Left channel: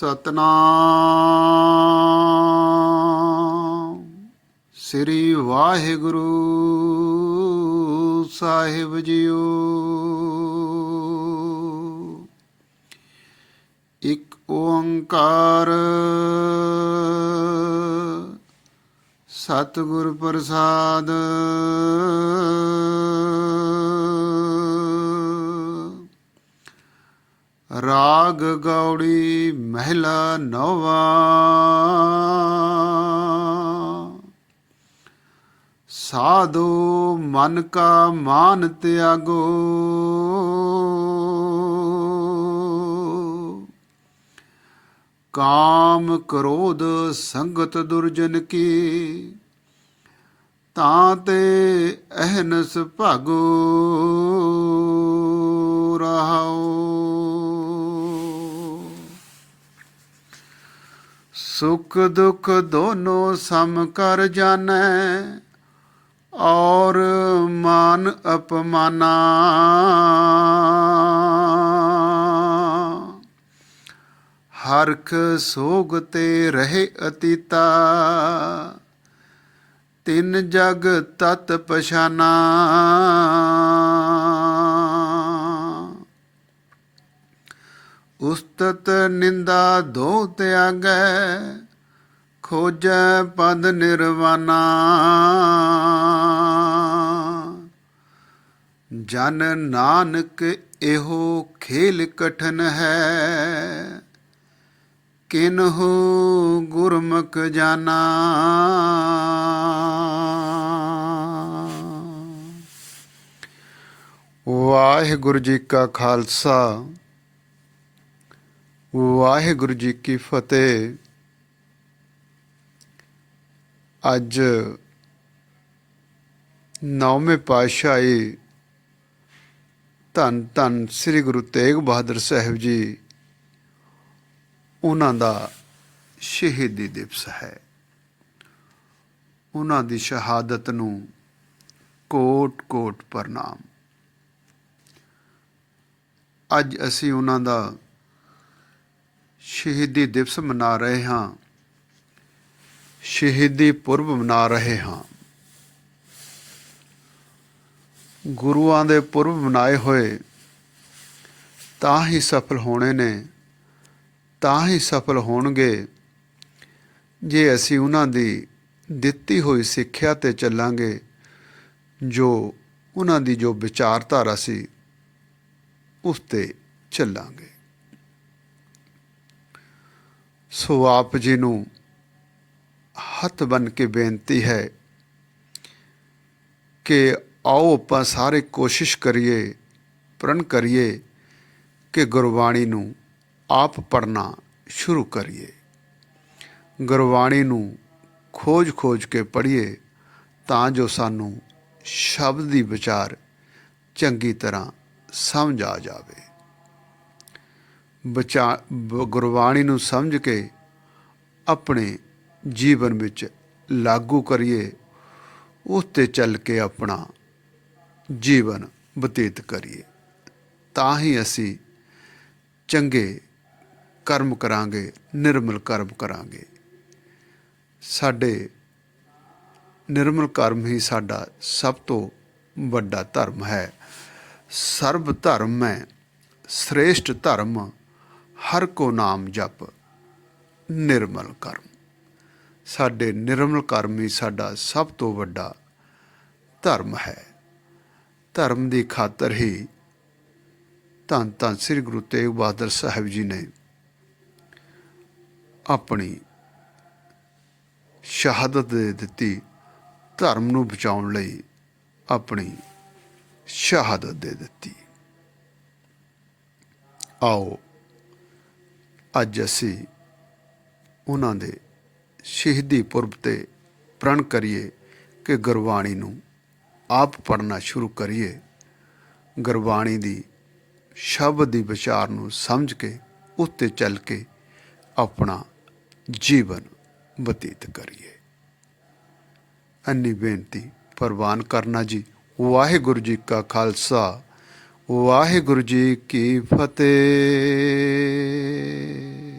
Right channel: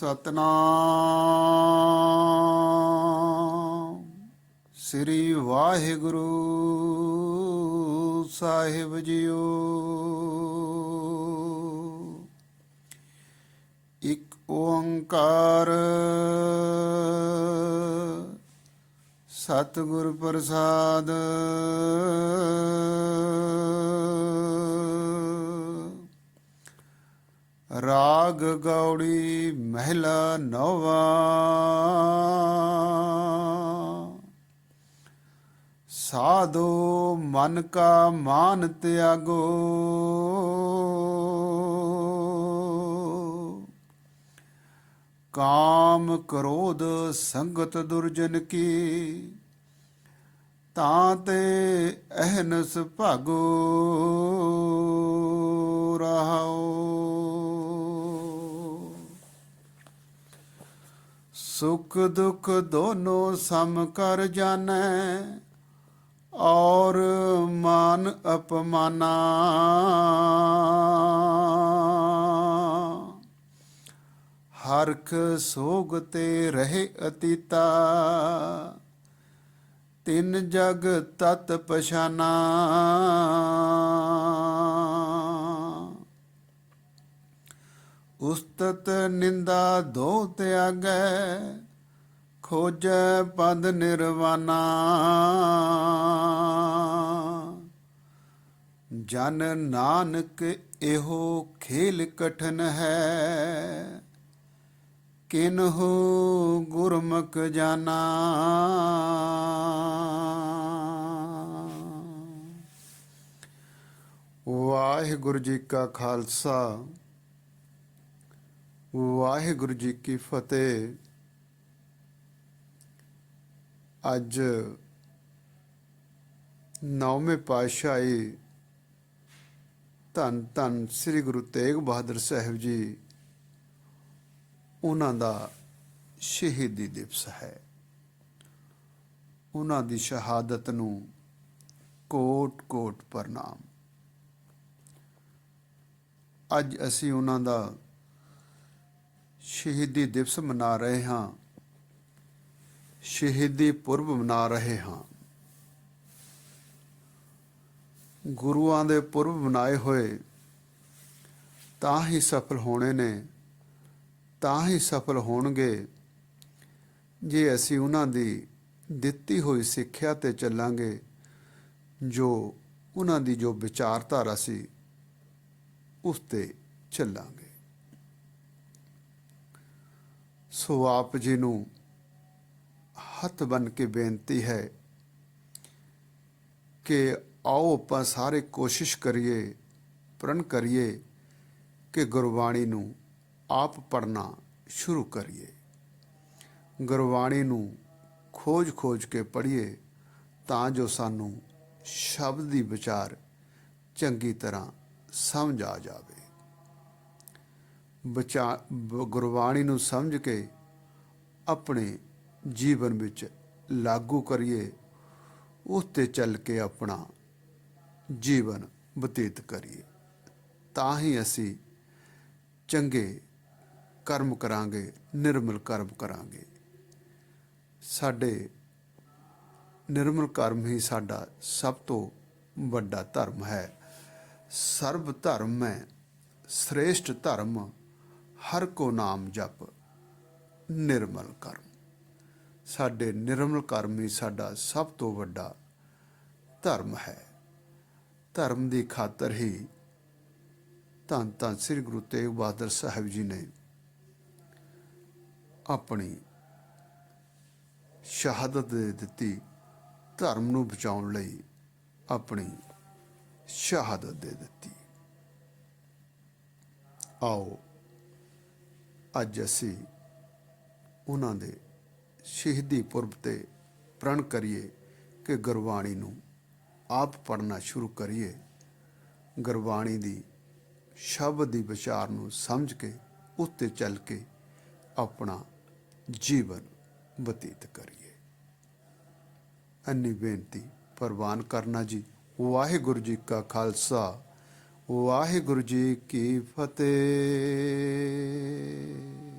ਸਤਨਾਮ। ਸ੍ਰੀ ਵਾਹਿਗੁਰੂ ਸਾਹਿਬ ਜੀਓ। ਇੱਕ ਓੰਕਾਰ ਸਤਿਗੁਰ ਪ੍ਰਸਾਦ ਰਾਗ ਗੌੜੀ ਮਹਿਲਾ ਨੌਵਾ। ਸਾਧੋ ਮਨ ਕਾ ਮਾਨ ਤਿਆਗੋ। ਕਾਮ ਕ੍ਰੋਧ ਸੰਗਤ ਦੁਰਜਨ ਕੀ। ਤਾਂ ਤੇ ਅਹਨਸ ਭਾਗੋ। ਸੁਖ ਦੁਖ ਦੋਨੋਂ ਸਮ ਕਰ ਜਾਣੈ, ਔਰ ਮਾਨ ਅਪਮਾਨਾ। ਹਰਖ ਸੋਗ ਤੇ ਰਹੇ ਅਤੀਤਾ, ਤਿੰਨ ਜਗ ਤਤ ਪਛਾਨਾ। ਉਸਤਤ ਨਿੰਦਾ ਦੋ ਤਿਆਗੈ ਖੋਜੈ ਪਦ ਨਿਰਵਾਨਾ। ਜਨ ਨਾਨਕ ਇਹੋ ਖੇਲ ਕਠਨ ਹੈ, ਕਿਨਹੂ ਗੁਰਮੁਖ ਜਾਣਾ ਵਾਹਿਗੁਰੂ ਜੀ ਕਾ ਖਾਲਸਾ ਵਾਹਿਗੁਰੂ ਜੀ ਕੀ ਫਤਿਹ। ਅੱਜ ਨੌਵੇਂ ਪਾਤਸ਼ਾਹੀ ਧੰਨ ਧੰਨ ਸ੍ਰੀ ਗੁਰੂ ਤੇਗ ਬਹਾਦਰ ਸਾਹਿਬ ਜੀ, ਉਹਨਾਂ ਦਾ ਸ਼ਹੀਦੀ ਦਿਵਸ ਹੈ। ਉਹਨਾਂ ਦੀ ਸ਼ਹਾਦਤ ਨੂੰ ਕੋਟ ਕੋਟ ਪ੍ਰਣਾਮ। ਅੱਜ ਅਸੀਂ ਉਹਨਾਂ ਦਾ ਸ਼ਹੀਦੀ ਦਿਵਸ ਮਨਾ ਰਹੇ ਹਾਂ। ਸ਼ਹੀਦੀ ਪੁਰਬ ਮਨਾ ਰਹੇ ਹਾਂ। ਗੁਰੂਆਂ ਦੇ ਪੁਰਬ ਮਨਾਏ ਹੋਏ ਤਾਂ ਹੀ ਸਫਲ ਹੋਣੇ ਨੇ, ਤਾਂ ਹੀ ਸਫਲ ਹੋਣਗੇ। ਜੇ ਅਸੀਂ ਉਹਨਾਂ ਦੀ ਦਿੱਤੀ ਹੋਈ ਸਿੱਖਿਆ ਤੇ ਚੱਲਾਂਗੇ, ਜੋ ਉਹਨਾਂ ਦੀ ਜੋ ਵਿਚਾਰਧਾਰਾ ਸੀ, ਉਸ ਤੇ ਚੱਲਾਂਗੇ। ਸੋ ਆਪ ਜੀ ਨੂੰ ਹੱਥ ਬਨ ਕੇ ਬੇਨਤੀ ਹੈ ਕਿ ਆਓ ਆਪਾਂ ਸਾਰੇ ਕੋਸ਼ਿਸ਼ ਕਰੀਏ, ਪ੍ਰਣ ਕਰੀਏ ਕਿ ਗੁਰਬਾਣੀ ਨੂੰ ਆਪ ਪੜਨਾ ਸ਼ੁਰੂ ਕਰੀਏ। ਗੁਰਬਾਣੀ ਨੂੰ ਖੋਜ-ਖੋਜ ਕੇ ਪੜ੍ਹੀਏ ਤਾਂ ਜੋ ਸਾਨੂੰ ਸ਼ਬਦ ਦੀ ਵਿਚਾਰ ਚੰਗੀ ਤਰ੍ਹਾਂ ਸਮਝ ਆ ਜਾਵੇ। ਬਚਾ ਗੁਰਬਾਣੀ ਨੂੰ ਸਮਝ ਕੇ ਆਪਣੇ ਜੀਵਨ ਵਿੱਚ ਲਾਗੂ ਕਰੀਏ ਉਸ ਤੇ ਚੱਲ ਕੇ ਆਪਣਾ ਜੀਵਨ ਬਤੀਤ ਕਰੀਏ। ਤਾਂ ਹੀ ਅਸੀਂ ਚੰਗੇ ਕਰਮ ਕਰਾਂਗੇ, ਨਿਰਮਲ ਕਰਮ ਕਰਾਂਗੇ। ਸਾਡੇ ਨਿਰਮਲ ਕਰਮ ਹੀ ਸਾਡਾ ਸਭ ਤੋਂ ਵੱਡਾ ਧਰਮ ਹੈ। ਸਰਬ ਧਰਮ ਹੈ, ਸ੍ਰੇਸ਼ਟ ਧਰਮ ਹਰ ਕੋ ਨਾਮ ਜਪ ਨਿਰਮਲ ਕਰਮ। ਸਾਡੇ ਨਿਰਮਲ ਕਰਮ ਹੀ ਸਾਡਾ ਸਭ ਤੋਂ ਵੱਡਾ ਧਰਮ ਹੈ। ਧਰਮ ਦੀ ਖਾਤਰ ਹੀ ਧੰਨ ਧੰਨ ਸ੍ਰੀ ਗੁਰੂ ਤੇਗ ਬਹਾਦਰ ਸਾਹਿਬ ਜੀ ਨੇ ਆਪਣੀ ਸ਼ਹਾਦਤ ਦੇ ਦਿੱਤੀ ਧਰਮ ਨੂੰ ਬਚਾਉਣ ਲਈ ਆਪਣੀ ਸ਼ਹਾਦਤ ਦੇ ਦਿੱਤੀ। ਆਓ ਅੱਜ ਅਸੀਂ ਉਹਨਾਂ ਦੇ ਸ਼ਹੀਦੀ ਪੁਰਬ ਤੇ ਪ੍ਰਣ ਕਰੀਏ ਕਿ ਗੁਰਬਾਣੀ ਨੂੰ ਆਪ ਪੜਨਾ ਸ਼ੁਰੂ ਕਰੀਏ। ਗੁਰਬਾਣੀ ਦੀ ਸ਼ਬਦ ਦੀ ਵਿਚਾਰ ਨੂੰ ਸਮਝ ਕੇ, ਉੱਤੇ ਚੱਲ ਕੇ ਆਪਣਾ ਜੀਵਨ ਬਤੀਤ ਕਰੀਏ। ਅੰਨੀ ਬੇਨਤੀ ਪ੍ਰਵਾਨ ਕਰਨਾ ਜੀ। ਵਾਹਿਗੁਰੂ ਜੀ ਕਾ ਖਾਲਸਾ। ਵਾਹਿਗੁਰੂ ਜੀ ਕੀ ਫਤਿਹ।